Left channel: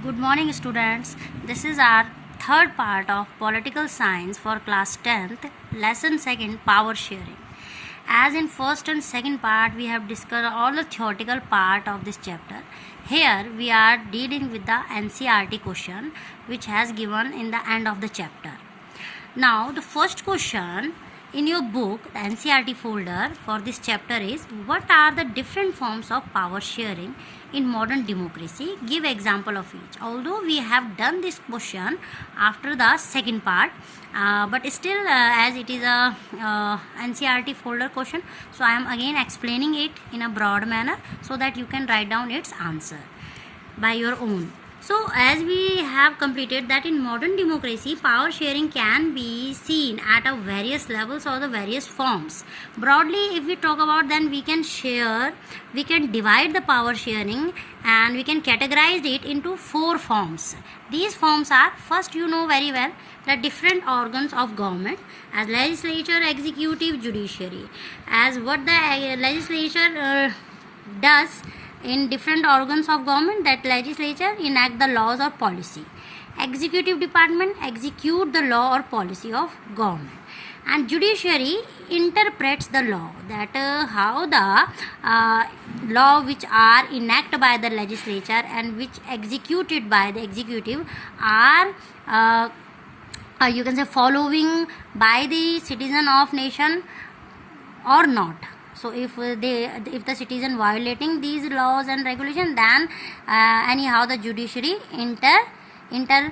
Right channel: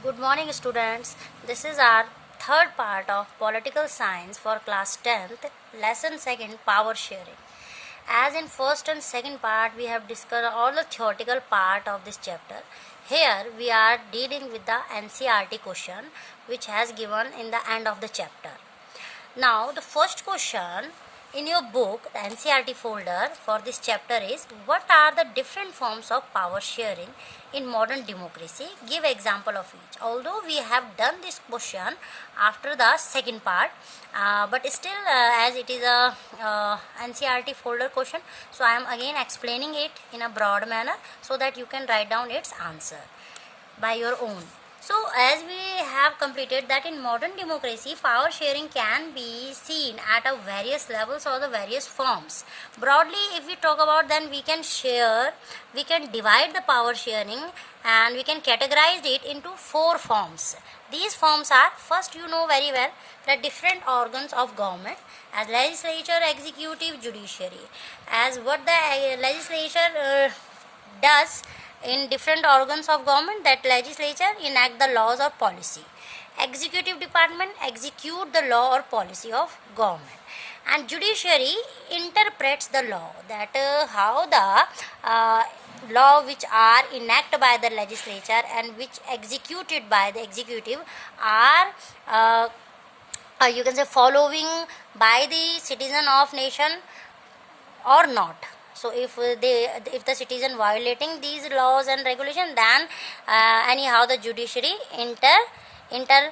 Good morning, students. This is our third part of Political Science for class 10th, lesson 2nd, Power Sharing. As in first and second part, we have discussed all the theoretical part of this chapter. Here we are dealing with the NCERT question which has given in the end of the chapter. Now the first question in your book, the NCERT folder for this chapter is, what are the different forms of power sharing in modern democracy? Give example of each. Although we have done this question after the second part, but still as it is a NCERT folder question, so I am again explaining it in a broad manner so that you can write down its answer by your own. So as we have completed that in modern democracy, power sharing can be seen at a various levels or the various forms. Broadly, if we talk about, then we can divide the power sharing and we can categorize it into 4 forms. These forms are, first, you know very well, the different organs of government as legislature, executive, judiciary. As what the legislature does in different organs of government, that legislature enact the laws or policy, executive department execute the law or policy of government, and judiciary interprets the law, that how the law which are enacted by the legislature and which executed by the executive are you can say following by the citizen of nation or not. So if the citizen violating these laws and regulations, then anyhow the judiciary interpret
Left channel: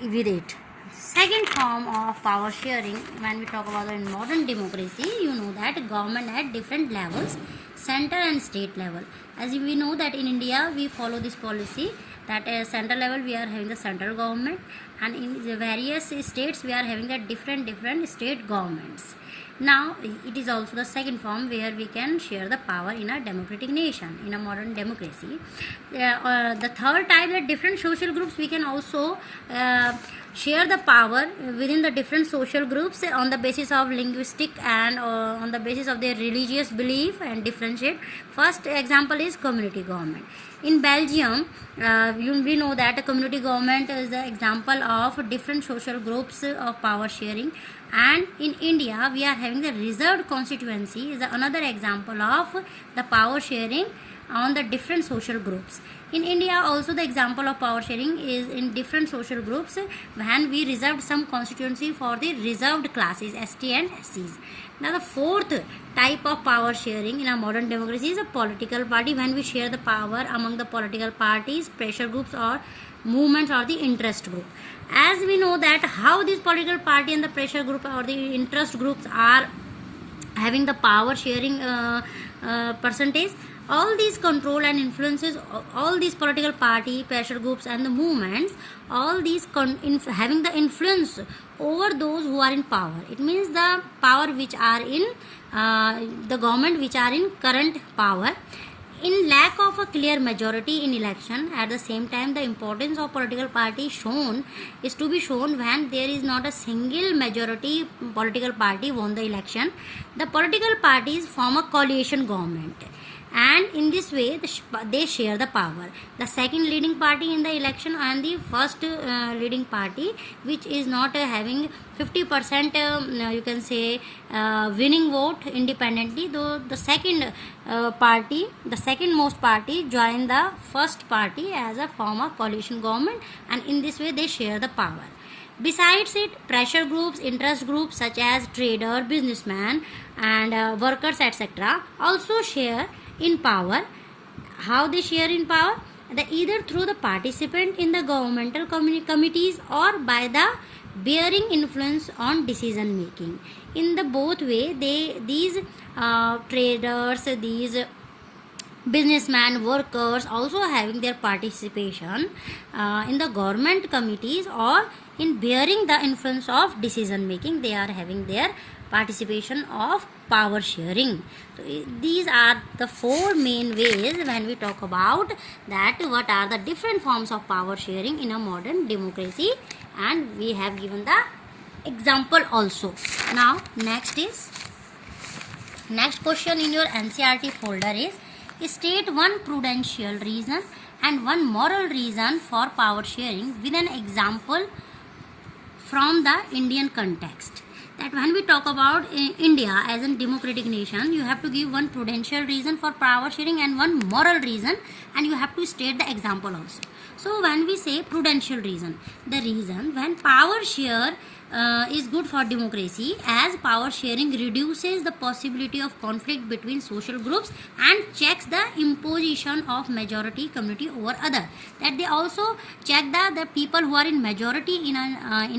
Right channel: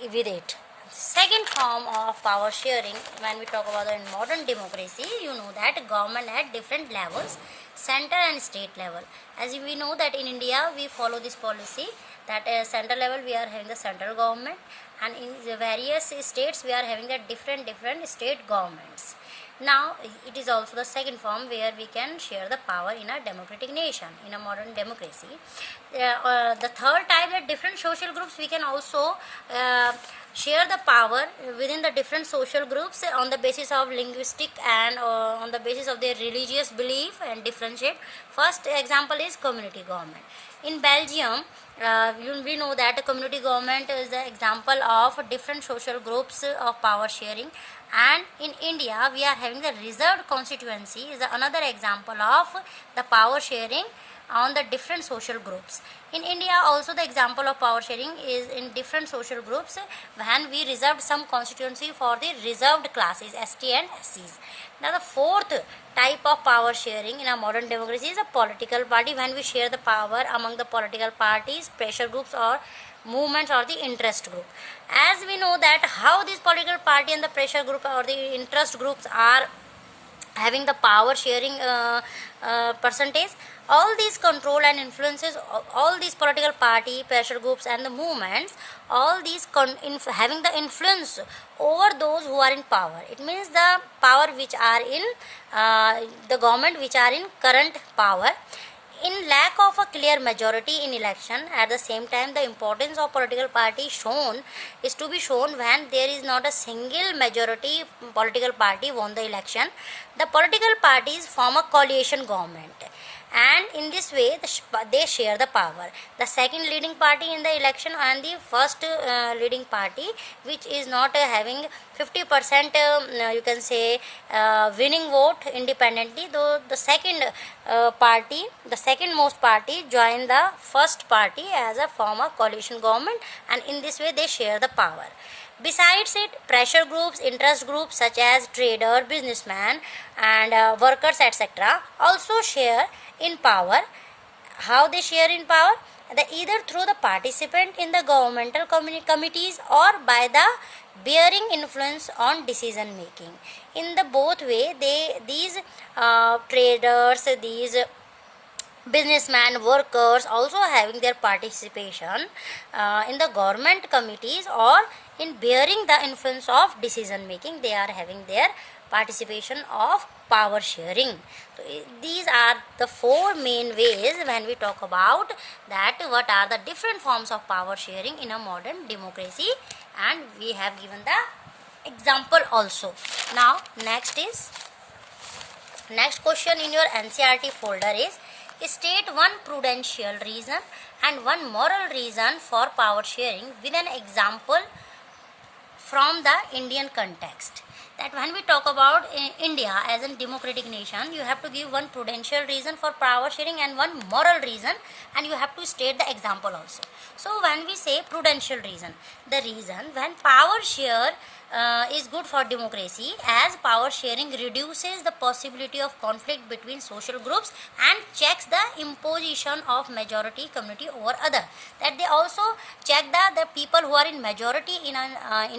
with it. Second form of power sharing, when we talk about the modern democracy, you know that government at different levels, center and state level. As we know that in India we follow this policy that center level we are having the central government, and in the various states we are having the different state governments. Now it is also the second form where we can share the power in a democratic nation, in a modern democracy. The third type, that different social groups we can also share the power within the different social groups on the basis of linguistic and on the basis of their religious belief and differentiate. First example is community government. In Belgium, we know that a community government is the example of different social groups of power sharing. And in India, we are having the reserved constituency is another example of the power sharing on the different social groups. In India also the example of power sharing is in different social groups when we reserved some constituency for the reserved classes ST and SCs. Now the fourth type of power sharing in a modern democracy is a political party, when we share the power among the political parties, pressure groups or movements or the interest group. As we know that how these political party and the pressure group or the interest groups are having the power sharing percentage, all these control and influences, all these political party, pressure groups and the movements, all these having the influence over those who are in power. It means the power which are in the government which are in current power. In lack of a clear majority in election, at the same time the importance of political party shown is to be shown when there is not a single majority political party won the election. The political parties form a coalition government, and in this way they share the power. The second leading party in the election and the first leading party which is not having 50% you can say winning vote independently, though the second party, the second most party join the first party as a form of coalition government, and in this way they share the power. Besides it, pressure groups, interest groups such as trader, businessmen and workers etc. also share in power. How they share in power? Either through the participant in the governmental committees or by the bearing influence on decision making. In the both way, these traders, these businessmen, workers also having their participation in the government committees or in bearing the influence of decision making. They are having their participation of power sharing. So these are the 4 main ways when we talk about that what are the different forms of power sharing in a modern democracy, and we have given the example also. Now next question in your NCERT folder is, state one prudential reason and one moral reason for power sharing with an example from the Indian context. That when we talk about India as a democratic nation, you have to give one prudential reason for power sharing and one moral reason, and you have to state the example also. So when we say prudential reason, the reason when power share is good for democracy, as power sharing reduces the possibility of conflict between social groups and checks the imposition of majority community over other. That they also check the people who are in majority in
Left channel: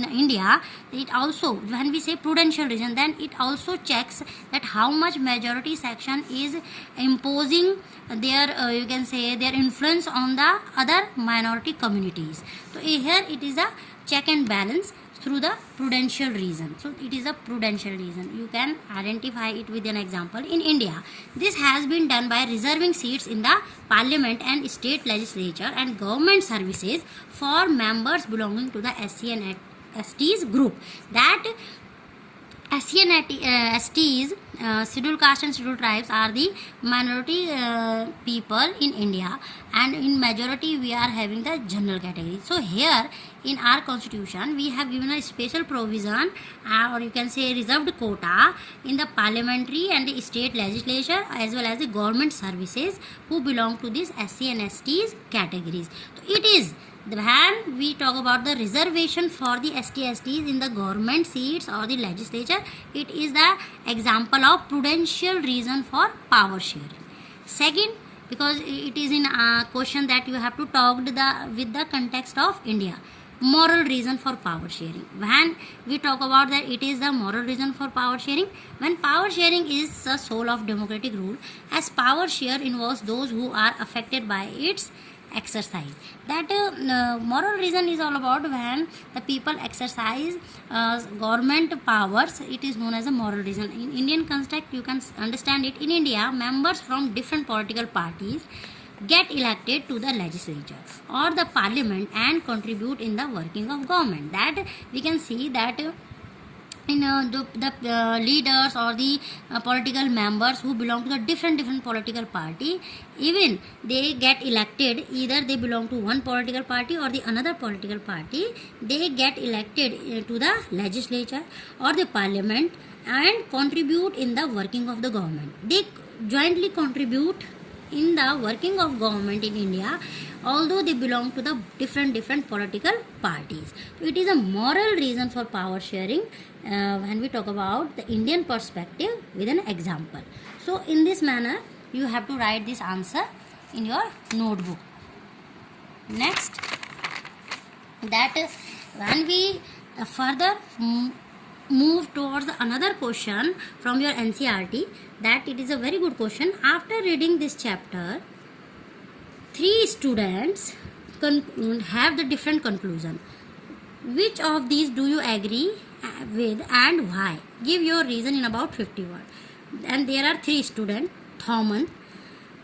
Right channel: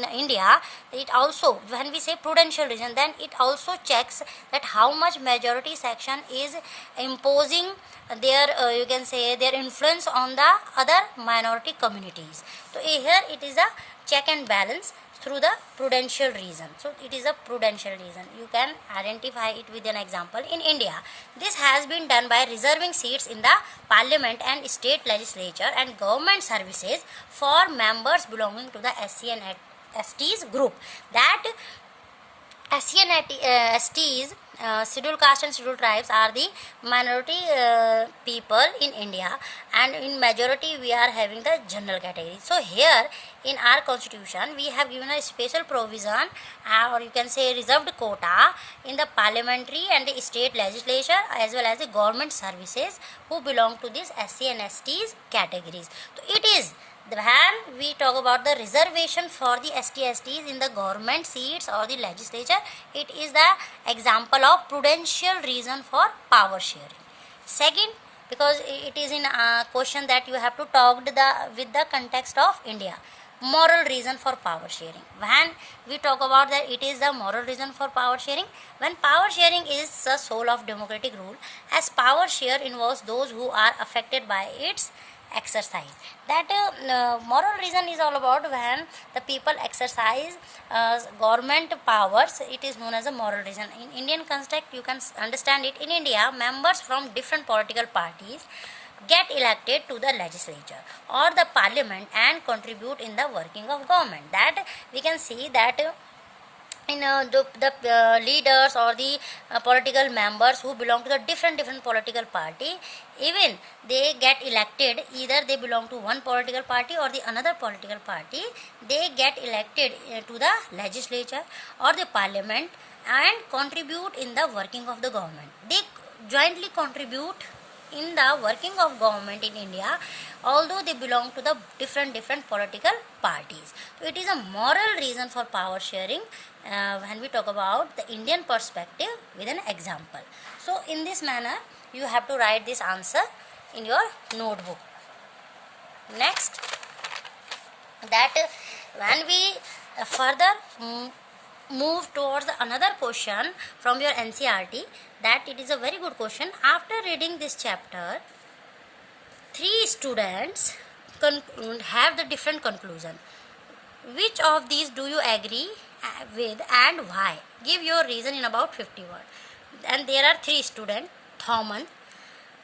India. It also, when we say prudential reason, then it also checks that how much majority section is imposing their you can say their influence on the other minority communities. So here it is a check and balance through the prudential reason. So it is a prudential reason. You can identify it with an example. In India, this has been done by reserving seats in the parliament and state legislature and government services for members belonging to the SC and STs group. That SC and STs, scheduled caste and scheduled tribes, are the minority people in India, and in majority we are having the general category. So here in our constitution we have given a special provision, or you can say reserved quota, in the parliamentary and the state legislature as well as the government services who belong to this SC and STs categories. So it is when we talk about the reservation for the ST/STs in the government seats or the legislature, it is the example of prudential reason for power sharing. Second, because it is in a question that you have to talk with the context of India, moral reason for power sharing. When we talk about that, it is the moral reason for power sharing. When power sharing is the soul of democratic rule, as power share involves those who are affected by its exercise. That moral reason is all about when the people exercise government powers, it is known as a moral reason. In Indian context, you can understand it. In India, members from different political parties get elected to the legislature or the parliament and contribute in the working of government. That we can see that in the leaders or the political members who belong to the different political party, even they get elected, either they belong to one political party or the another political party, they get elected to the legislature or the parliament and contribute in the working of the government. They jointly contribute in the working of government in India, although they belong to the different political parties. So it is a moral reason for power sharing when we talk about the Indian perspective with an example. So in this manner, you have to write this answer in your notebook. Next, that when we further move towards another question from your NCERT, that it is a very good question. After reading this chapter, 3 students have the different conclusion. Which of these do you agree with and why? Give your reason in about 50 words. And there are 3 students. Thomson.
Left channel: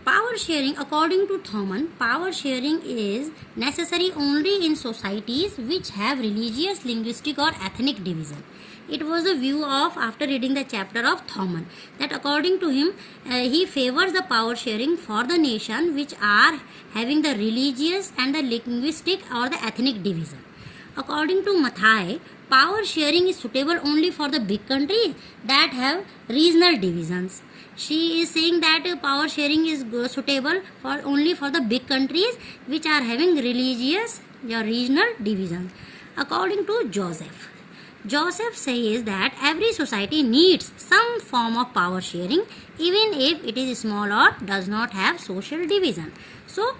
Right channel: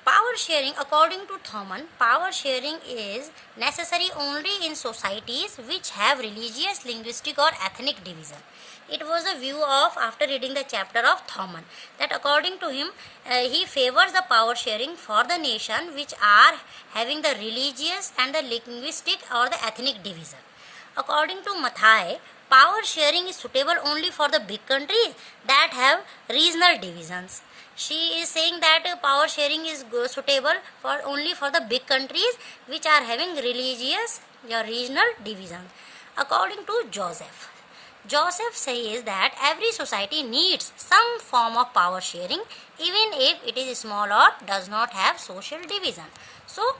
Power sharing, according to Thomson, power sharing is necessary only in societies which have religious, linguistic or ethnic division. It was a view of, after reading the chapter of Thomson, that according to him, he favors the power sharing for the nation which are having the religious and the linguistic or the ethnic division. According to Mathai, power sharing is suitable only for the big countries that have regional divisions. She is saying that power sharing is suitable for only for the big countries which are having religious or regional divisions. According to Joseph says that every society needs some form of power sharing, even if it is small or does not have social division. So,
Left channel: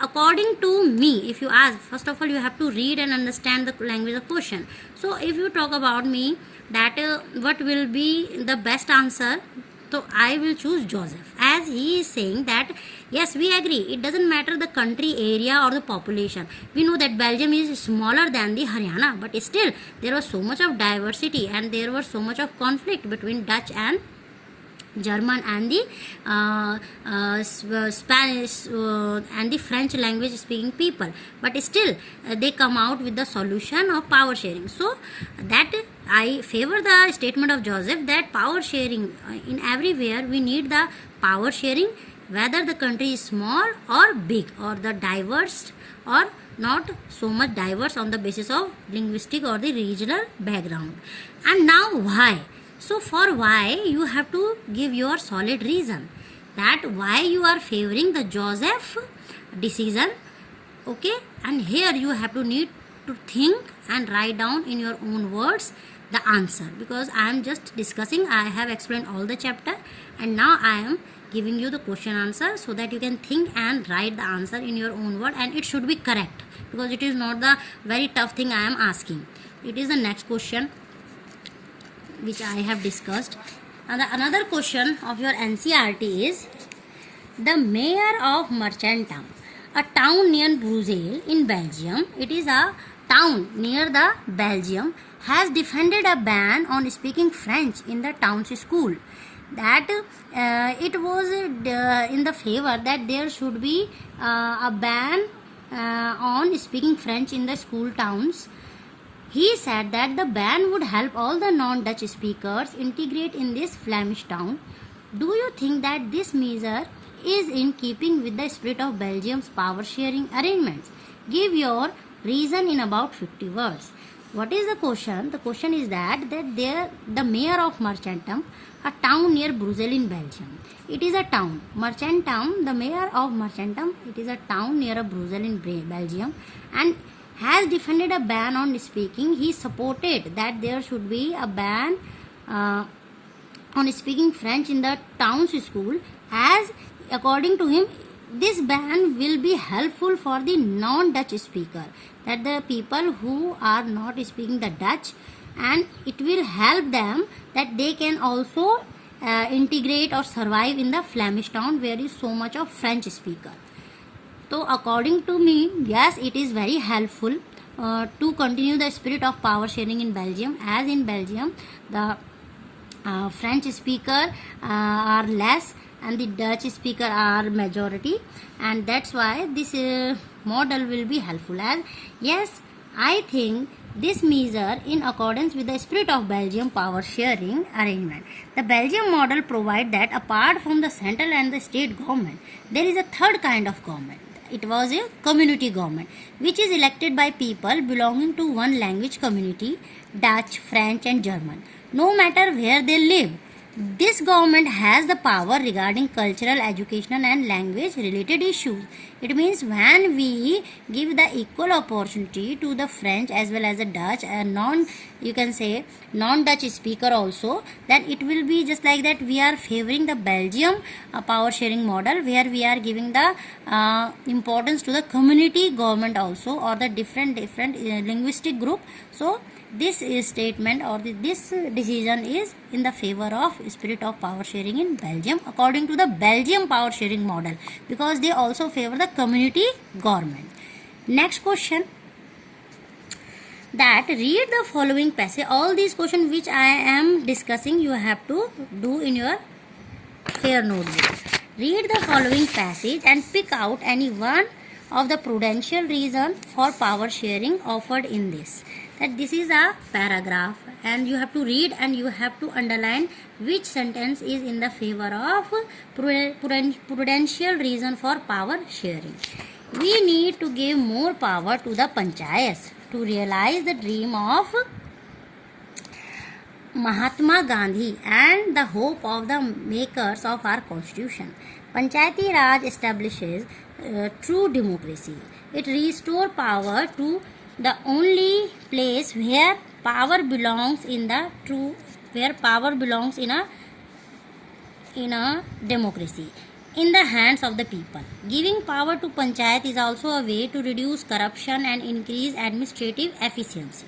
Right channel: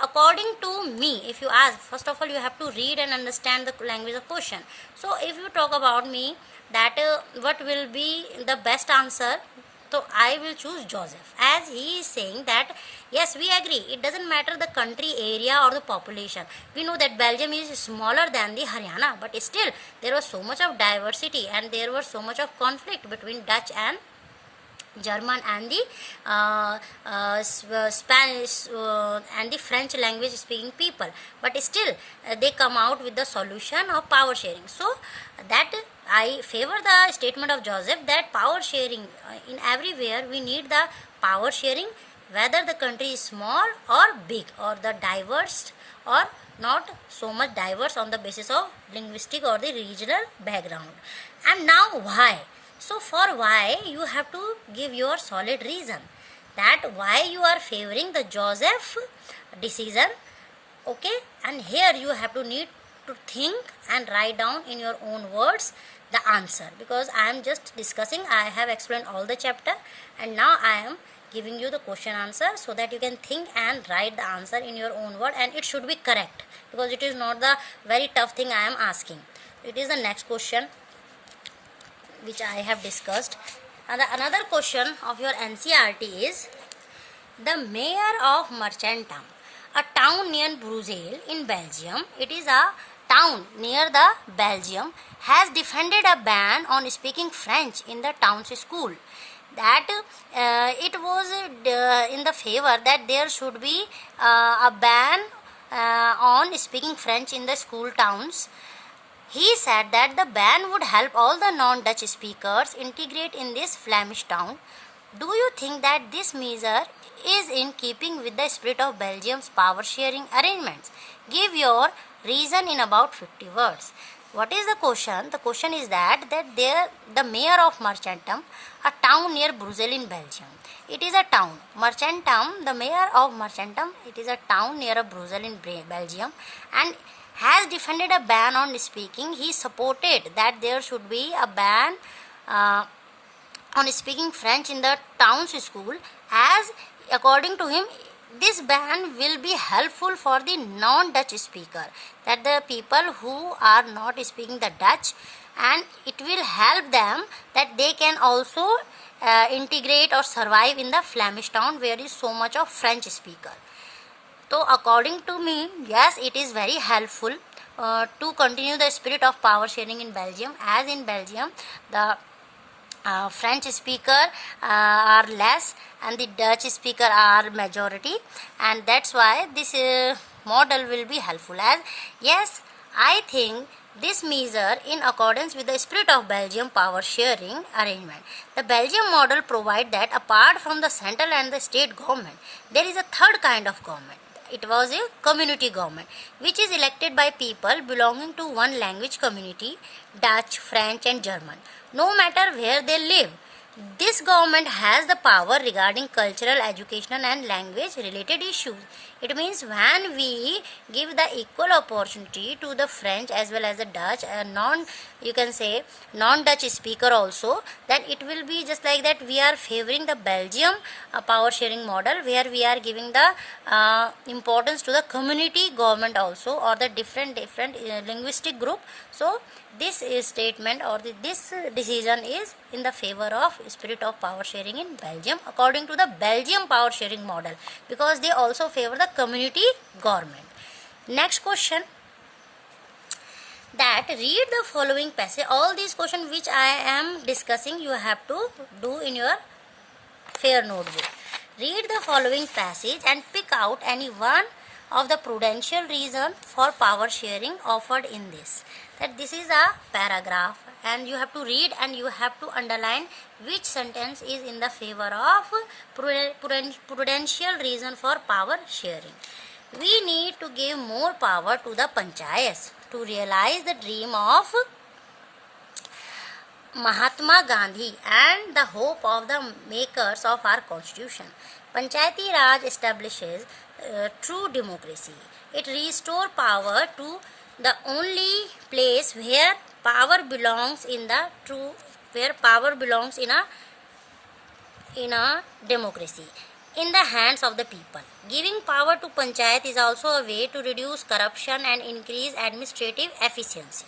according to me, if you ask, first of all, you have to read and understand the language of question. So, if you talk about me, that what will be the best answer? So I will choose Joseph, as he is saying that yes, we agree, it doesn't matter the country, area or the population. We know that Belgium is smaller than the Haryana, but still there was so much of diversity and there was so much of conflict between Dutch and German and the Spanish and the French language speaking people, but still they come out with the solution of power sharing. So that I favor the statement of Joseph that power sharing in everywhere we need the power sharing whether the country is small or big, or the diverse or not so much diverse on the basis of linguistic or the regional background. And now why? So for why, you have to give your solid reason that why you are favoring the Joseph decision. Okay, and here you have to need to think and write down in your own words the answer, because I am just discussing, I have explained all the chapter, and now I am giving you the question answer so that you can think and write the answer in your own word, and it should be correct, because it is not the very tough thing I am asking. It is the next question which I have discussed. And another question of your NCERT is, the mayor of Marchantam, a town near Brussels in Belgium, it is a town near the Belgium, has defended a ban on speaking French in the town's school. That it was in the favor that there should be a ban on speaking French in the school towns. He said that the ban would help all the non-Dutch speakers integrate in this Flemish town. Do you think that this measure is in keeping with the spirit of Belgium's power sharing arrangements? Give your reason in about 50 words. What is the question? The question is that the mayor of Marchantam, a town near Brussels in Belgium. It is a town. Marchantam, the mayor of Marchantam, it is a town near a Brussels in Belgium, and has defended a ban on speaking. He supported that there should be a ban on speaking French in the town's school, as according to him this ban will be helpful for the non-Dutch speaker, that the people who are not speaking the Dutch, and it will help them that they can also integrate or survive in the Flemish town where is so much of French speaker. So according to me, yes, it is very helpful to continue the spirit of power sharing in Belgium, as in Belgium the French speaker are less and the Dutch speaker are majority, and that's why this model will be helpful. As yes, I think this measure in accordance with the spirit of Belgium power sharing arrangement. The Belgium model provides that apart from the central and the state government, there is a third kind of government. It was a community government which is elected by people belonging to one language community, Dutch, French and German, no matter where they live. This government has the power regarding cultural, educational and language related issues. It means when we give the equal opportunity to the French as well as the Dutch and non-Dutch speaker also, then it will be just like that we are favoring the Belgium power sharing model, where we are giving the importance to the community government also, or the different linguistic group. So this statement or this decision is in the favor of spirit of power sharing in Belgium according to the Belgium power sharing model, because they also favor the community government. Next question, that read the following passage. All these questions which I am discussing you have to do in your fair notebook. Read the following passage and pick out any one of the prudential reason for power sharing offered in this. That this is a paragraph and you have to read and you have to underline which sentence is in the favor of prudential reason for power sharing. We need to give more power to the panchayats to realize the dream of Mahatma Gandhi and the hope of the makers of our constitution. Panchayati Raj establishes true democracy. It restores power to the only place where power belongs in a democracy, in the hands of the people. Giving power to panchayat is also a way to reduce corruption and increase administrative efficiency.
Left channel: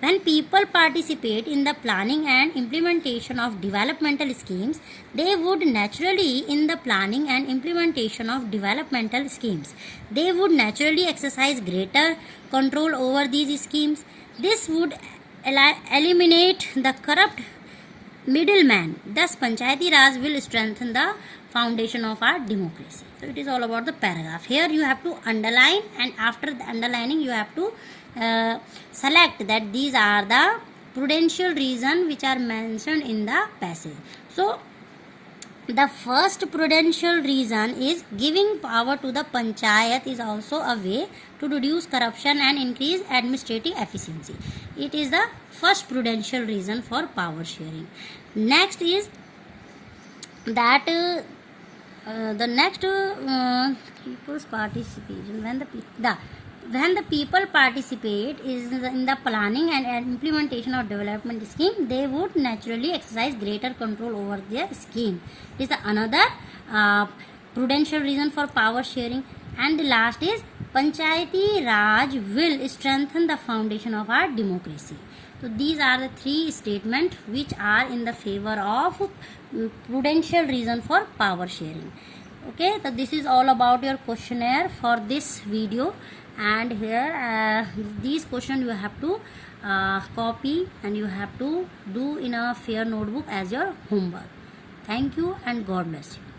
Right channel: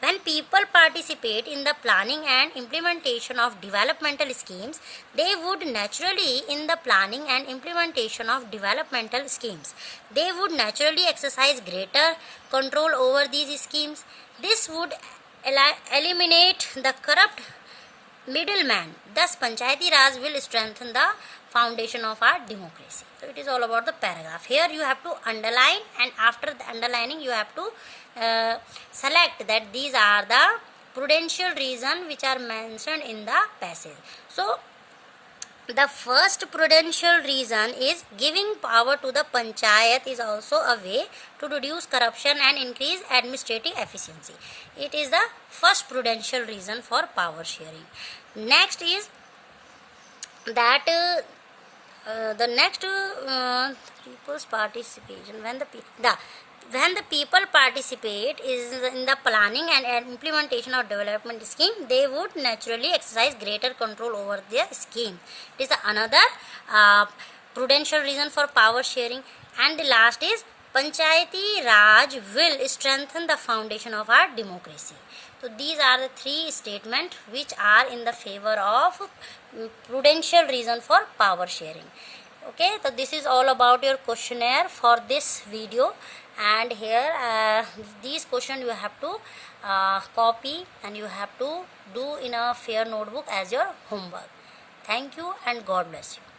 When people participate in the planning and implementation of developmental schemes, they would naturally exercise greater control over these schemes. This would eliminate the corrupt middleman. Thus, Panchayati Raj will strengthen the foundation of our democracy. So, it is all about the paragraph. Here you have to underline, and after the underlining you have to select that these are the prudential reasons which are mentioned in the passage. So, The first prudential reason is giving power to the panchayat is also a way to reduce corruption and increase administrative efficiency. It is the first prudential reason for power sharing. Next is that the next people's participation. When the people participate is in the planning and implementation of development scheme, they would naturally exercise greater control over their scheme. It is another prudential reason for power sharing. And the last is Panchayati Raj will strengthen the foundation of our democracy. So these are the three statements which are in the favor of prudential reason for power sharing. Okay, so this is all about your questionnaire for this video, and here these questions you have to copy and you have to do in a fair notebook as your homework. Thank you and God bless you.